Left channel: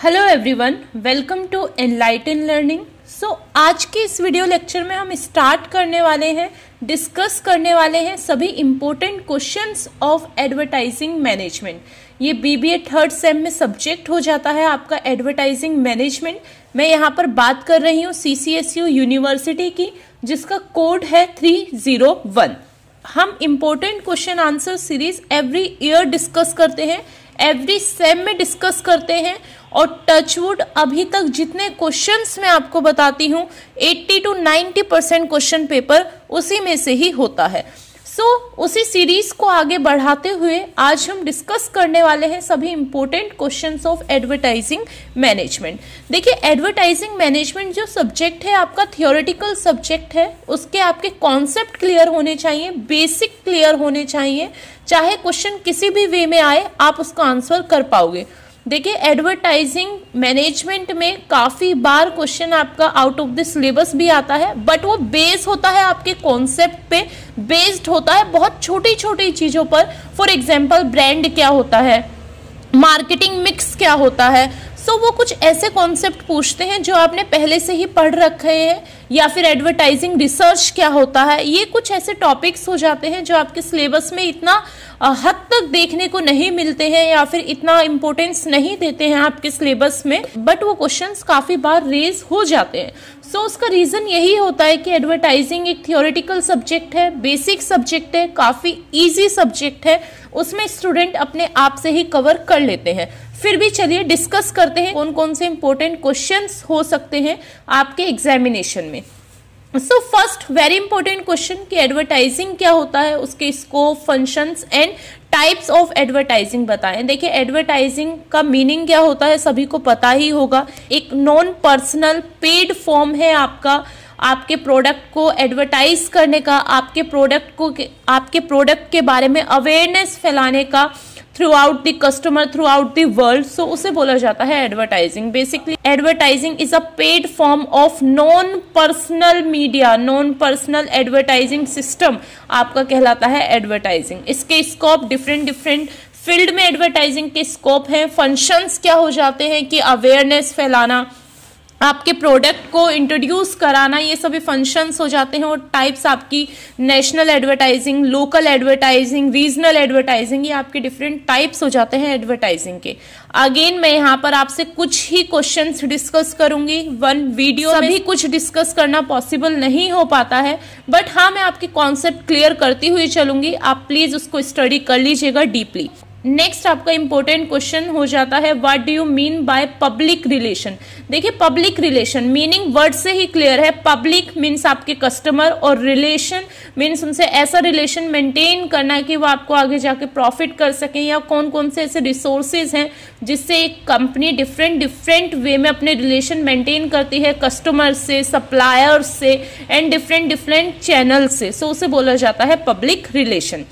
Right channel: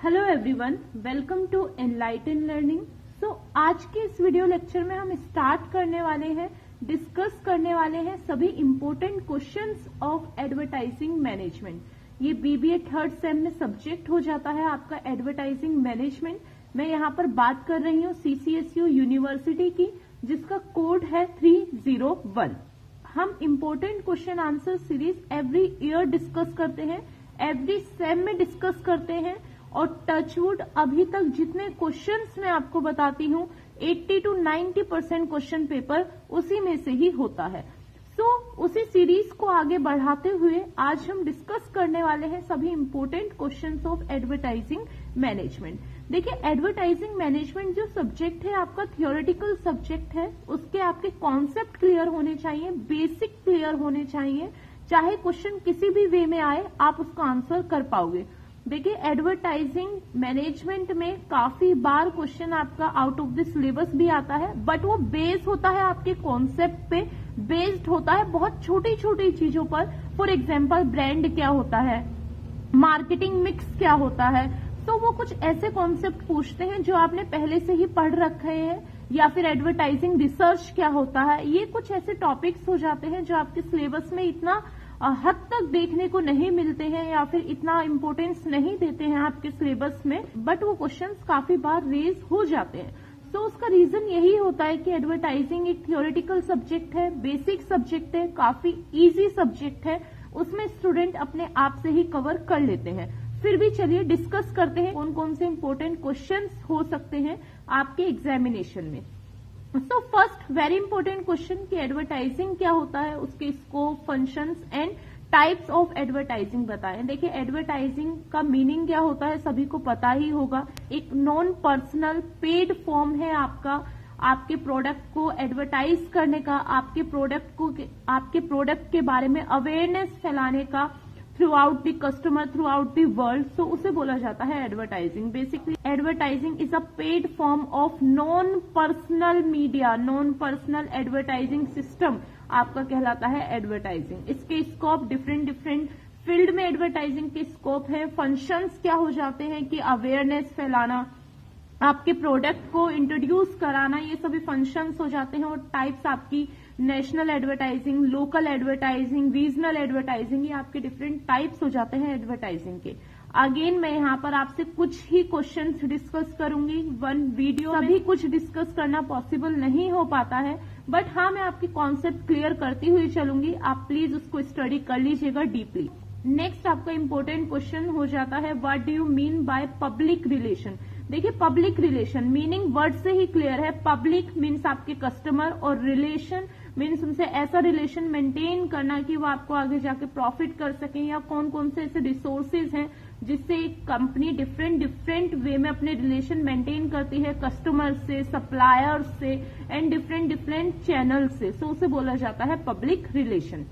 Hello everyone, welcome to Enlighten Learning. आज के इस वीडियो लेक्चर में हम स्टार्ट करने वाले हैं, डिस्कस करने वाले हैं सभी important questions of advertising management. ये बीबीए थर्ड सेम में सब्जेक्ट हो जाता है आपका एडवर्टाइजिंग मैनेजमेंट। मैं यहाँ पर बात कर रही हूँ CCSU यूनिवर्सिटी की, जिसका कोड है 301। हम important question answer series every year discuss करते हैं, एवरी सेम में डिस्कस करते हैं। और टचवुड अभी तक जितने क्वेश्चंस मैं आपको बताती हूँ 80 to 90% क्वेश्चन पेपर उसी में से ही होता है। उसी सीरीज को आगे बढ़ाते हुए आज हम डिस्कस करने वाले हैं सभी important questions of advertising management. देखिए, एडवर्टाइजिंग मैनेजमेंट जो सब्जेक्ट है आपका थियोरेटिकल सब्जेक्ट है, उसके आपके कॉन्सेप्ट क्लियर होने चाहिए, बेसिक क्लियर होने चाहिए। चाहे क्वेश्चन किसी भी वे में आए, आप उसका आंसर कर पाओगे। देखिए, एडवर्टाइजिंग मैनेजमेंट में काफ़ी बार क्वेश्चन आपका आउट ऑफ द सिलेबस भी आता है, बट वो बेस होता है आपके कॉन्सेप्ट पे, बेस्ड होता है बहुत छोटी छोटी चीज़ों पर। फॉर एग्जांपल, ब्रांड क्या होता है, मार्केटिंग मिक्स क्या होता है। वो कुछ ऐसे कॉन्सेप्ट पूछते हैं जो आपने पहले से ही पढ़ रखे हैं, या फिर एडवर्टाइजिंग रिसर्च क्या होता है। ये कुछ ऐसे टॉपिक्स हो जाते हैं जो आपके सिलेबस में इतना हद तक देखने को नहीं मिलते हैं, या फिर इतना इम्पोर्टेंस नहीं देते हैं आपके सिलेबस में, बट वो क्वेश्चंस काफ़ी बार रेज हो जाते हैं। उसका रीज़न यही होता है कि एडवर्टाइजिंग एक थियोरेटिकल सब्जेक्ट है, बेसिक सब्जेक्ट है, काफ़ी ईजी सब्जेक्ट है, उसमें स्टूडेंट अपने आप से ही कवर कर लेते हैं। फिर भी चलिए डिस्कस करते हैं कौन कौन से इंपॉर्टेंट क्वेश्चंस हो सकते हैं आपके एग्जामिनेशन में। फर्स्ट वेरी इंपॉर्टेंट क्वेश्चन कि एडवर्टाइजिंग क्या होता है, उसके scope, functions and types of advertising बताएं। देखिए, एडवर्टाइजिंग का मीनिंग क्या होता है सभी को पता ही होगा। एक नॉन पर्सनल पेड फॉर्म है आपका, आपके प्रोडक्ट को एडवर्टाइज करने का, आपके प्रोडक्ट के बारे में अवेयरनेस फैलाने का through out the customer, through out the world. उसे बोला जाता है advertising. Basically advertising is a paid form of non personal media, non personal advertising system आपका कहलाता है एडवर्टाइजिंग। इसके स्कोप डिफरेंट फील्ड में एडवर्टाइजिंग के स्कोप हैं। फंक्शंस क्या हो जाते हैं कि अवेयरनेस फैलाना, आपके प्रोडक्ट को इंट्रोड्यूस कराना, ये सभी फंक्शंस हो जाते हैं। और टाइप्स आपकी national advertising, local advertising, regional advertising, ये आपके डिफरेंट टाइप्स हो जाते हैं एडवर्टाइजिंग के। अगेन मैं यहाँ पर आपसे कुछ ही क्वेश्चंस डिस्कस करूंगी, वन वीडियो में सभी कुछ डिस्कस करना पॉसिबल नहीं हो पाता है, बट हाँ मैं आपके कॉन्सेप्ट क्लियर करती हुई चलूंगी। आप प्लीज उसको स्टडी कर लीजिएगा डीपली। नेक्स्ट आपका इंपॉर्टेंट क्वेश्चन हो जाता है, what do you mean by public relation. देखिए, पब्लिक रिलेशन मीनिंग वर्ड से ही क्लियर है। पब्लिक मीन्स आपके कस्टमर, और रिलेशन मीन्स उनसे ऐसा रिलेशन मेंटेन करना कि वो आपको आगे जाके प्रॉफिट कर सकें, या कौन कौन से ऐसे रिसोर्सेज हैं जिससे एक कंपनी डिफरेंट वे में अपने रिलेशन मेंटेन करती है कस्टमर से, सप्लायर से, एंड डिफरेंट चैनल से। उसे बोला जाता है पब्लिक रिलेशन।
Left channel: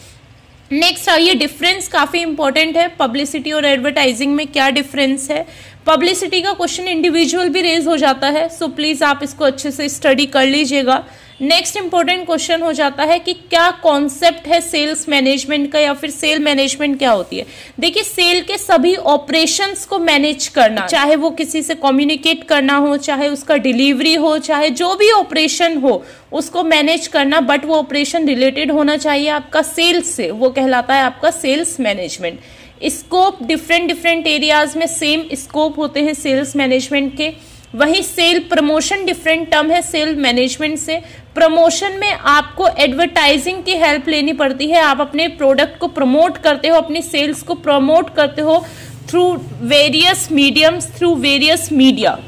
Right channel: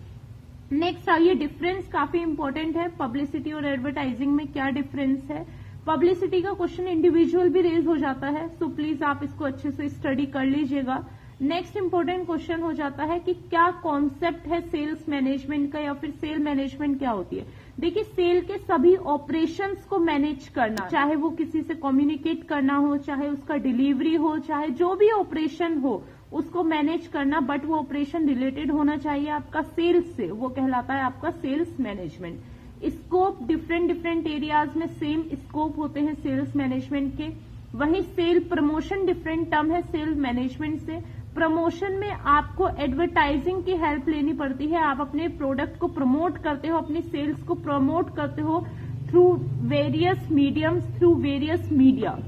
नेक्स्ट ये डिफरेंस काफ़ी इंपॉर्टेंट है, पब्लिसिटी और एडवर्टाइजिंग में क्या डिफरेंस है। पब्लिसिटी का क्वेश्चन इंडिविजुअल भी रेज हो जाता है, प्लीज़ आप इसको अच्छे से स्टडी कर लीजिएगा। नेक्स्ट इंपॉर्टेंट क्वेश्चन हो जाता है कि क्या कॉन्सेप्ट है सेल्स मैनेजमेंट का, या फिर सेल मैनेजमेंट क्या होती है। देखिए, सेल के सभी ऑपरेशंस को मैनेज करना, चाहे वो किसी से कम्युनिकेट करना हो, चाहे उसका डिलीवरी हो, चाहे जो भी ऑपरेशन हो उसको मैनेज करना, बट वो ऑपरेशन रिलेटेड होना चाहिए आपका सेल्स से, वो कहलाता है आपका sales management. Scope different areas में सेम स्कोप होते हैं सेल्स मैनेजमेंट के। वही सेल प्रमोशन डिफरेंट टर्म है सेल मैनेजमेंट से। प्रमोशन में आपको एडवर्टाइजिंग की हेल्प लेनी पड़ती है, आप अपने प्रोडक्ट को प्रमोट करते हो, अपनी सेल्स को प्रमोट करते हो through various mediums, through various media.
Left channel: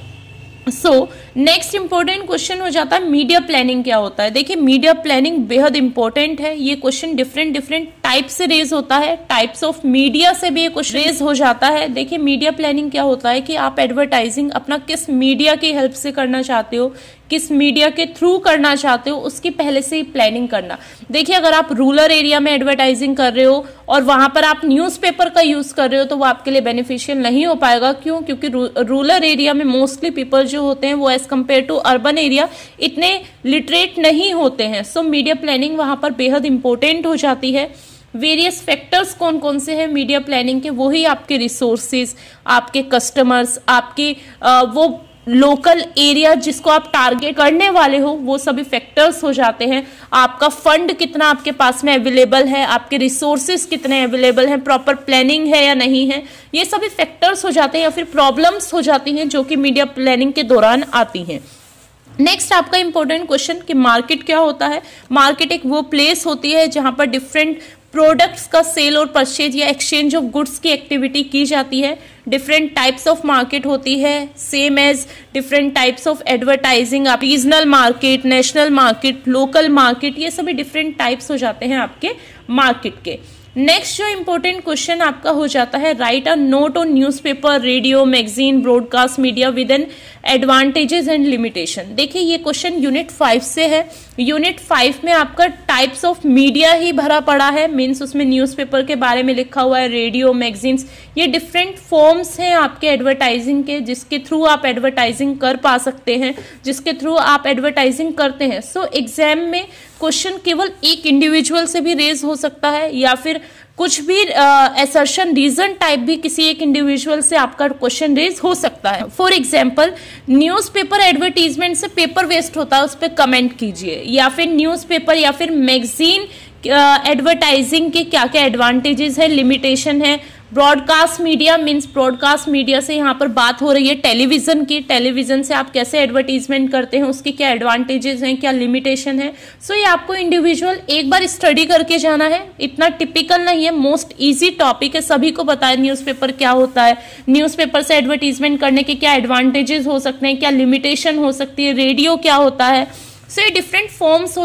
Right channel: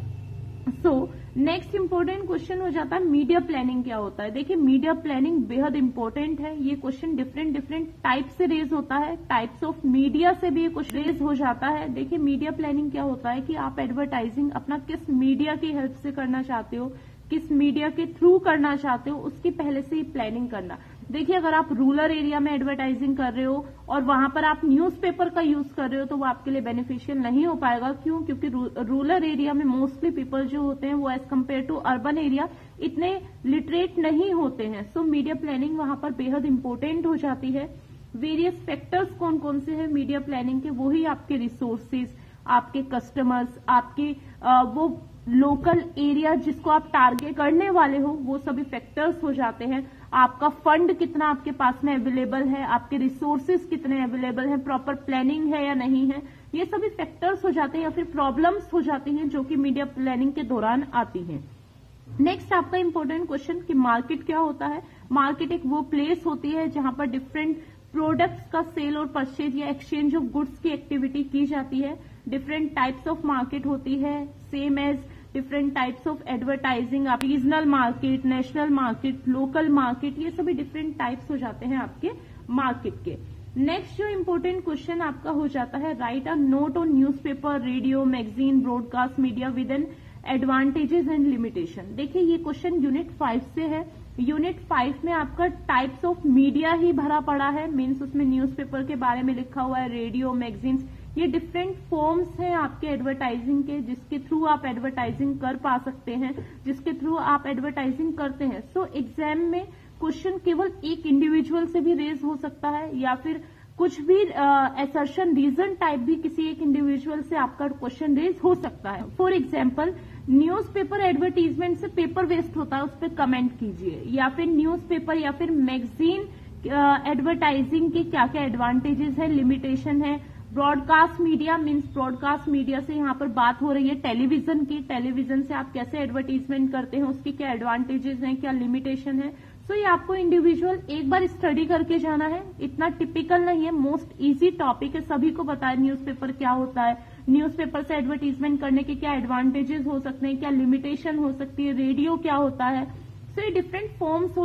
Next important question हो जाता है, मीडिया प्लानिंग क्या होता है। देखिए, मीडिया प्लानिंग बेहद इंपॉर्टेंट है। ये क्वेश्चन डिफरेंट टाइप से रेज होता है, टाइप्स ऑफ मीडिया से भी ये क्वेश्चन रेज हो जाता है। देखिए, मीडिया प्लानिंग क्या होता है कि आप एडवर्टाइजिंग अपना किस मीडिया की हेल्प से करना चाहते हो, किस मीडिया के थ्रू करना चाहते हो, उसकी पहले से ही प्लानिंग करना। देखिए, अगर आप रूरल एरिया में एडवर्टाइजिंग कर रहे हो और वहां पर आप न्यूज़पेपर का यूज कर रहे हो, तो वो आपके लिए बेनिफिशियल नहीं हो पाएगा। क्यों? क्योंकि रूरल एरिया में मोस्टली पीपल जो होते हैं वो as compare to urban area इतने लिटरेट नहीं होते हैं। मीडिया प्लानिंग वहां पर बेहद इंपॉर्टेंट हो जाती है। वेरियस फैक्टर्स कौन कौन से हैं मीडिया प्लानिंग के, वही आपके रिसोर्सेज, आपके कस्टमर्स, आपके वो लोकल एरिया जिसको आप टारगेट करने वाले हो, वो सभी फैक्टर्स हो जाते हैं। आपका फंड कितना आपके पास में अवेलेबल है, आपके रिसोर्सेज कितने अवेलेबल हैं, प्रॉपर प्लानिंग है या नहीं है, ये सभी फैक्टर्स हो जाते हैं या फिर प्रॉब्लम्स हो जाती हैं जो कि मीडिया प्लानिंग के दौरान आती हैं। नेक्स्ट आपका इंपॉर्टेंट क्वेश्चन कि मार्केट क्या होता है। मार्केट एक वो प्लेस होती है जहां पर डिफरेंट प्रोडक्ट्स का सेल और परचेज या एक्सचेंज ऑफ गुड्स की एक्टिविटी की जाती है। डिफरेंट टाइप्स ऑफ मार्केट होती है, same as different types of advertising, आप regional market, national market, local market, ये सभी डिफरेंट टाइप्स हो जाते हैं आपके मार्केट के। नेक्स्ट जो इंपॉर्टेंट क्वेश्चन आपका हो जाता है, write a note on newspaper, radio, magazine, broadcast media with an advantages and limitation. देखिए ये क्वेश्चन यूनिट 5 से है। यूनिट 5 में आपका टाइप्स ऑफ मीडिया ही भरा पड़ा है, मीन्स उसमें न्यूज़पेपर के बारे में लिखा हुआ है, रेडियो, मैगजीन्स, ये डिफरेंट फॉर्म्स हैं आपके एडवर्टाइजिंग के जिसके थ्रू आप एडवर्टाइजिंग कर पा सकते हैं, जिसके थ्रू आप एडवर्टाइजिंग करते हैं। सो एग्जाम में क्वेश्चन केवल एक इंडिविजुअल से भी रेज हो सकता है या फिर कुछ भी असर्शन रीजन टाइप भी किसी एक इंडिविजुअल से आपका क्वेश्चन रेज हो सकता है। फॉर एग्जांपल न्यूज़पेपर एडवर्टीजमेंट से पेपर वेस्ट होता है, उस पर कमेंट कीजिए, या फिर न्यूज़पेपर या फिर मैगजीन एडवर्टाइजिंग के क्या क्या एडवांटेजेस है, लिमिटेशन है। Broadcast media means broadcast media से यहाँ पर बात हो रही है टेलीविजन की, टेलीविजन से आप कैसे एडवर्टीजमेंट करते हैं, उसके क्या एडवांटेजेस हैं, क्या लिमिटेशन है। सो ये आपको इंडिविजुअल एक बार स्टडी करके जाना है, इतना टिपिकल नहीं है, मोस्ट इजी टॉपिक है, सभी को पता है न्यूज़पेपर क्या होता है, न्यूज़पेपर से एडवर्टीजमेंट करने के क्या एडवांटेजेस हो सकते हैं, क्या लिमिटेशन हो सकती है, रेडियो क्या होता है। सो ये डिफरेंट फॉर्म्स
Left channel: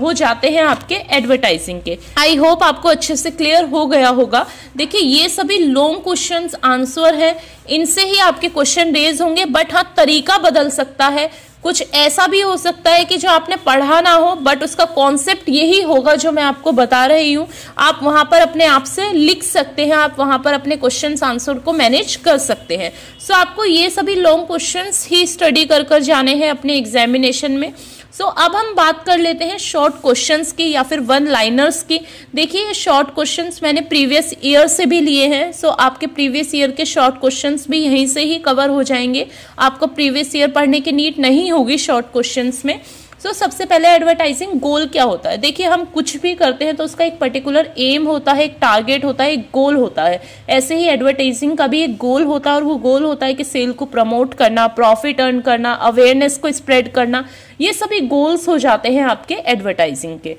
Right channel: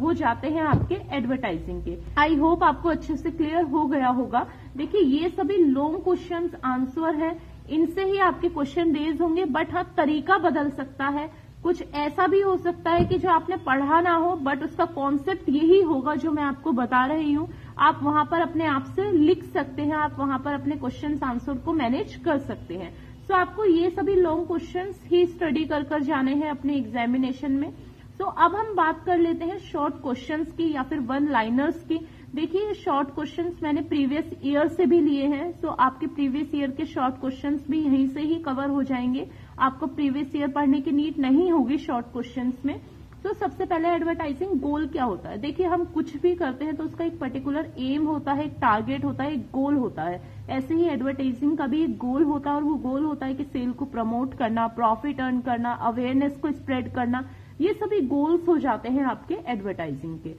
हो जाते हैं आपके एडवर्टाइजिंग के। आई होप आपको अच्छे से क्लियर हो गया होगा। देखिए ये सभी लॉन्ग क्वेश्चंस आंसर है, इनसे ही आपके क्वेश्चन रेज होंगे, बट हाँ तरीका बदल सकता है। कुछ ऐसा भी हो सकता है कि जो आपने पढ़ा ना हो बट उसका कॉन्सेप्ट यही होगा जो मैं आपको बता रही हूँ, आप वहां पर अपने आप से लिख सकते हैं, आप वहां पर अपने क्वेश्चन आंसर को मैनेज कर सकते हैं। सो आपको ये सभी लॉन्ग क्वेश्चंस ही स्टडी कर कर जाने हैं अपने एग्जामिनेशन में। सो अब हम बात कर लेते हैं शॉर्ट क्वेश्चंस की या फिर वन लाइनर्स की। देखिए ये शॉर्ट क्वेश्चंस मैंने प्रीवियस ईयर से भी लिए हैं, सो आपके प्रीवियस ईयर के शॉर्ट क्वेश्चंस भी यहीं से ही कवर हो जाएंगे, आपको प्रीवियस ईयर पढ़ने की नीड नहीं होगी शॉर्ट क्वेश्चंस में। सो सबसे पहले एडवर्टाइजिंग गोल क्या होता है। देखिए हम कुछ भी करते हैं तो उसका एक पर्टिकुलर एम होता है, एक टारगेट होता है, एक गोल होता है। ऐसे ही एडवर्टाइजिंग का भी एक गोल होता है और वो गोल होता है कि सेल को प्रमोट करना, प्रॉफिट अर्न करना, अवेयरनेस को स्प्रेड करना, ये सभी गोल्स हो जाते हैं आपके एडवर्टाइजिंग के।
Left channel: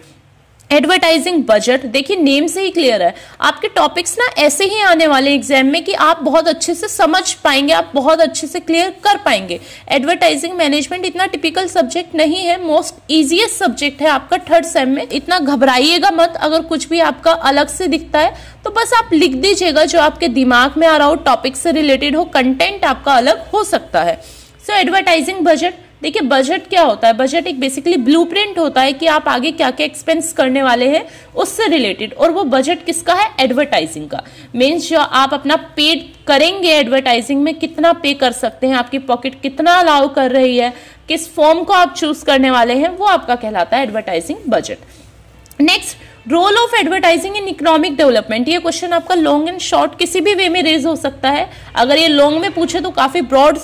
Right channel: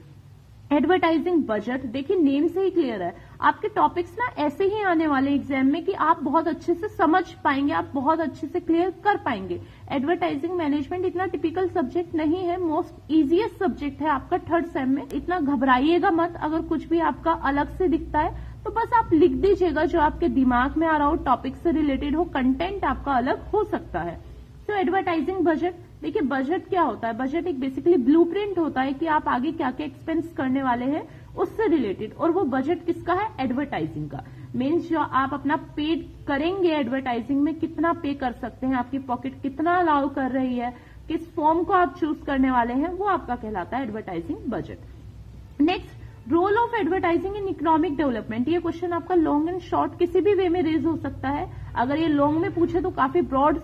एडवर्टाइजिंग बजट, देखिए नेम से ही क्लियर है, आपके टॉपिक्स ना ऐसे ही आने वाले एग्जाम में कि आप बहुत अच्छे से समझ पाएंगे, आप बहुत अच्छे से क्लियर कर पाएंगे। एडवर्टाइजिंग मैनेजमेंट इतना टिपिकल सब्जेक्ट नहीं है, मोस्ट इजीएस्ट सब्जेक्ट है आपका थर्ड सेम में। इतना घबराइएगा मत, अगर कुछ भी आपका अलग से दिखता है तो बस आप लिख दीजिएगा जो आपके दिमाग में आ रहा हो, टॉपिक से रिलेटेड हो, कंटेंट आपका अलग हो सकता है। सो एडवर्टाइजिंग बजट, देखिए बजट क्या होता है, बजट एक बेसिकली ब्लूप्रिंट होता है कि आप आगे क्या क्या एक्सपेंस करने वाले हैं उससे रिलेटेड, और वो बजट किसका है, एडवर्टाइजिंग का। मीन्स जो आप अपना पे करेंगे एडवर्टाइजिंग में, कितना पे कर सकते हैं, आपकी पॉकेट कितना अलाउ कर रही है, किस फॉर्म को आप चूज करने वाले हैं, वो आपका कहलाता है advertising budget. Next, role of advertising in economic development. ये क्वेश्चन आपका लॉन्ग एंड शॉर्ट किसी भी वे में रेज हो सकता है। अगर ये लॉन्ग में पूछे तो काफी ब्रॉड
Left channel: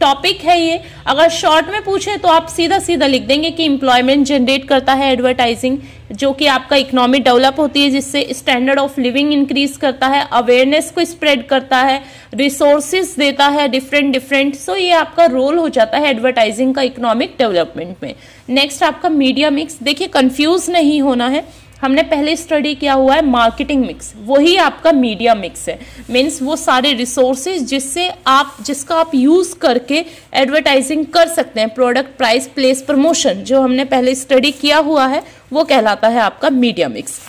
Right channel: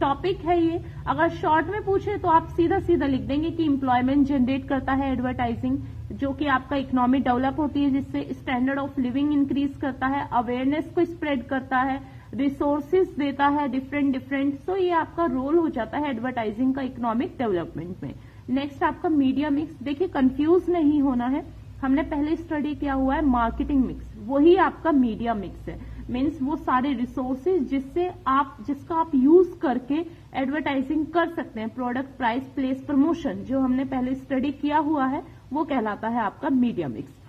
टॉपिक है ये, अगर शॉर्ट में पूछे तो आप सीधा सीधा लिख देंगे कि एम्प्लॉयमेंट जनरेट करता है एडवर्टाइजिंग, जो कि आपका इकोनॉमी डेवलप होती है, जिससे स्टैंडर्ड ऑफ लिविंग इंक्रीज करता है, अवेयरनेस को स्प्रेड करता है, रिसोर्सेज देता है डिफरेंट। सो ये आपका रोल हो जाता है एडवर्टाइजिंग का इकोनॉमिक डेवलपमेंट में। नेक्स्ट आपका मीडिया मिक्स, देखिए कंफ्यूज नहीं होना है, हमने पहले स्टडी किया हुआ है मार्केटिंग मिक्स, वही आपका मीडिया मिक्स है। मीन्स वो सारे रिसोर्सेज जिसका आप यूज करके एडवर्टाइजिंग कर सकते हैं, प्रोडक्ट, प्राइस, प्लेस, प्रमोशन, जो हमने पहले स्टडी किया हुआ है वो कहलाता है आपका media mix.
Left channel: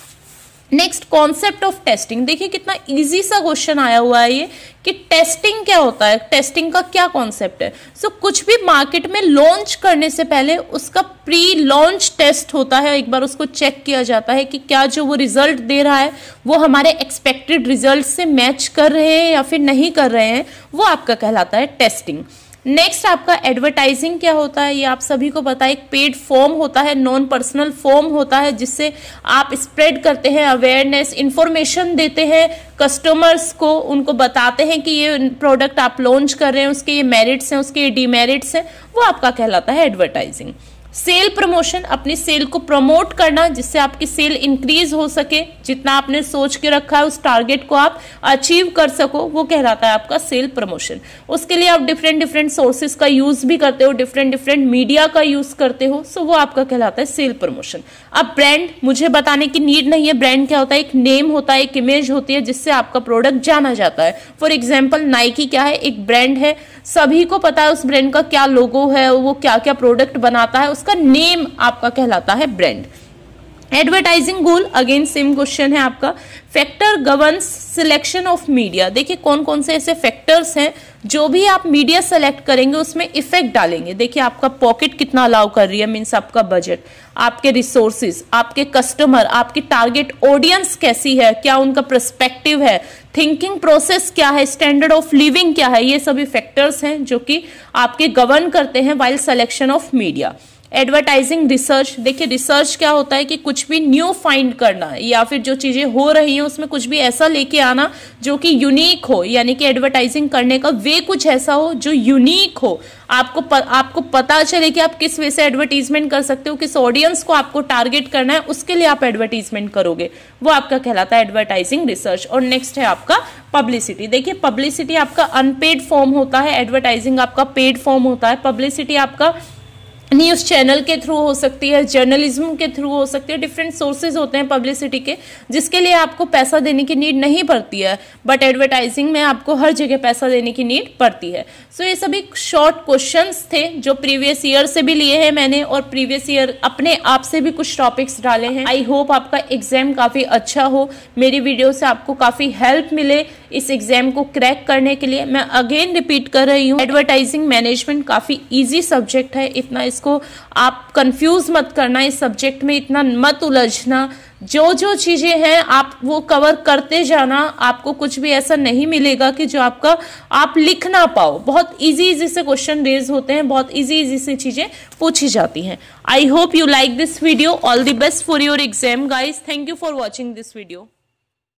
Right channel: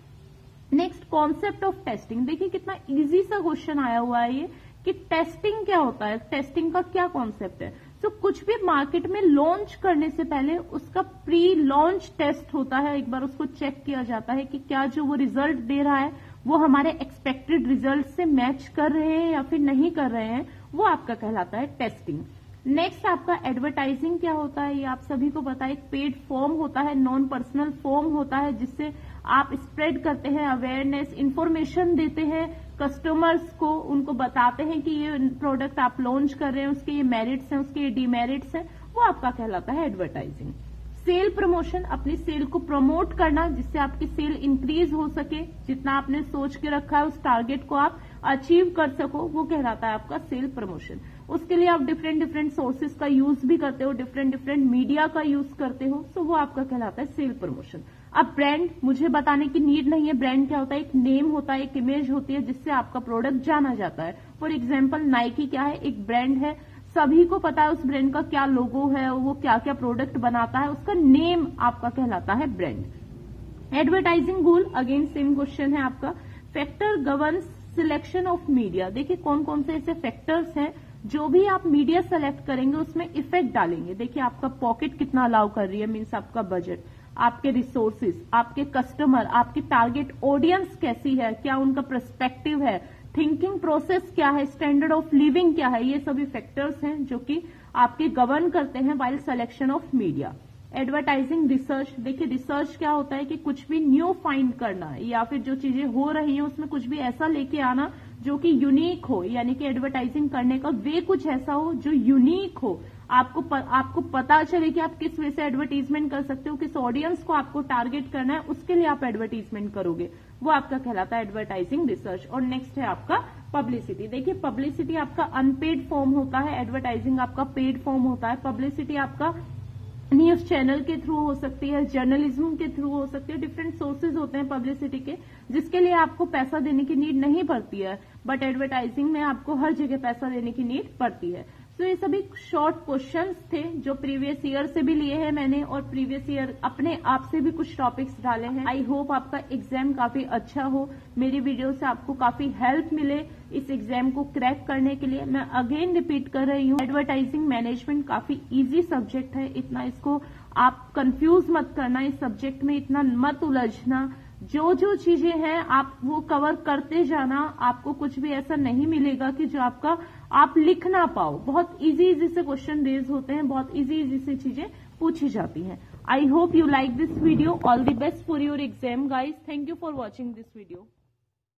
Next, concept of testing, देखिए कितना इजी सा क्वेश्चन आया हुआ है ये कि टेस्टिंग क्या होता है, टेस्टिंग का क्या कॉन्सेप्ट है। सो कुछ भी मार्केट में लॉन्च करने से पहले उसका प्री लॉन्च टेस्ट होता है, एक बार उसको चेक किया जाता है कि क्या जो वो रिजल्ट दे रहा है वो हमारे एक्सपेक्टेड रिजल्ट से मैच कर रहे हैं या फिर नहीं कर रहे हैं, वो आपका कहलाता है टेस्टिंग। नेक्स्ट आपका एडवर्टाइजिंग क्या होता है, ये आप सभी को पता है। एक पेड फॉर्म होता है, नॉन पर्सनल फॉर्म होता है, जिससे आप स्प्रेड करते हैं अवेयरनेस, इंफॉर्मेशन देते हैं कस्टमर्स को, उनको बताते हैं कि ये प्रोडक्ट आप लॉन्च कर रहे हैं, उसके ये मेरिट्स हैं, उसके ये डीमेरिट्स हैं, वो आपका कहलाता है एडवर्टाइजिंग। सेल प्रमोशन, अपनी सेल को प्रमोट करना जिससे आपकी सेल इंक्रीज हो सके, जितना आपने सोच के रखा है उस टारगेट को आप अचीव कर सको, वो कहलाता है आपका सेल प्रमोशन। उसके लिए आप डिफरेंट सोर्सेज का यूज भी करते हो, डिफरेंट मीडिया का यूज करते हो, सो वो आपका कहलाता है सेल प्रमोशन। अब ब्रांड, मुझे बताने की नीड नहीं है, ब्रांड क्या होता है, एक नेम होता है, एक इमेज होती है जिससे आपका प्रोडक्ट जाना जाता है। फॉर एग्जाम्पल नाइकी क्या है, एक ब्रांड है, सभी को पता है उस ब्रांड का क्या लोगो है, वो क्या क्या प्रोडक्ट बनाता है, उसका नेम आपका कहलाता है ब्रांड। एडवर्टाइजिंग गोल, अगेन सेम क्वेश्चन है आपका। Factor governs selection of media, देखिए कौन कौन से ऐसे फैक्टर्स हैं जो भी आप मीडिया सेलेक्ट करेंगे उसमें इफेक्ट डालेंगे। देखिए आपका पॉकेट कितना अलाउ कर रही है, मीन्स आपका बजट, आपके रिसोर्सेज, आपके कस्टमर, आपकी टारगेट ऑडियंस कैसी है, क्या उनका पर्सपेक्टिव है, थिंकिंग प्रोसेस क्या है, स्टैंडर्ड ऑफ लिविंग क्या है, ये सभी फैक्टर्स हैं जो कि आपके गवर्न करते हैं while selection of media. Advertising research, देखिए रिसर्च क्या होता है कि कुछ भी न्यू फाइंड करना या फिर जो चीजें हो रही हैं उसमें कुछ भी ऐसा लेके आना जो कि यूनिक हो, यानी कि एडवर्टाइजिंग करने का वे कुछ ऐसा हो जो यूनिक हो, आपको पता चले कि आप किस वे से एडवर्टीजमेंट कर सकते हो, किस ऑडियंस को आपको टारगेट करना है, उसके लिए आप एडवर्टीजमेंट करोगे, वो आपका कहलाता है एडवर्टाइजिंग रिसर्च। और नेक्स्ट है आपका पब्लिसिटी। देखिए पब्लिसिटी आपका अनपेड फॉर्म होता है, एडवर्टाइजिंग आपका पेड फॉर्म होता है। पब्लिसिटी आपका न्यूज़ चैनल के थ्रू हो सकती है, जर्नलिज्म के थ्रू हो सकती है, डिफरेंट सोर्सेज होते हैं पब्लिसिटी के, जिसके लिए आपको पैसा देने की नीड नहीं पड़ती है, बट एडवर्टाइजिंग में आपको हर जगह पैसा देने की नीड पड़ती है। सो ये सभी शॉर्ट क्वेश्चंस थे जो प्रीवियस ईयर से भी लिए हैं मैंने, और प्रीवियस ईयर अपने आप से भी कुछ टॉपिक्स डाले हैं। आई होप आपका एग्जाम काफ़ी अच्छा हो, मेरी वीडियो से आपको काफ़ी हेल्प मिले इस एग्जाम को क्रैक करने के लिए। मैं अगेन रिपीट कर रही हूँ, एडवर्टाइजिंग मैनेजमेंट काफ़ी ईजी सब्जेक्ट है, इतना इसको आप कंफ्यूज मत करना, इस सब्जेक्ट में इतना मत उलझना, जो चीजें हैं आप वो कवर करते जाना, आपको कुछ भी ऐसा नहीं मिलेगा कि जो आप लिख ना पाओ। बहुत इजी से क्वेश्चन रेज होते हैं, बहुत इजी से चीजें पूछी जाती हैं। I hope you like this video, all the best for your exam guys, thank you for watching this video.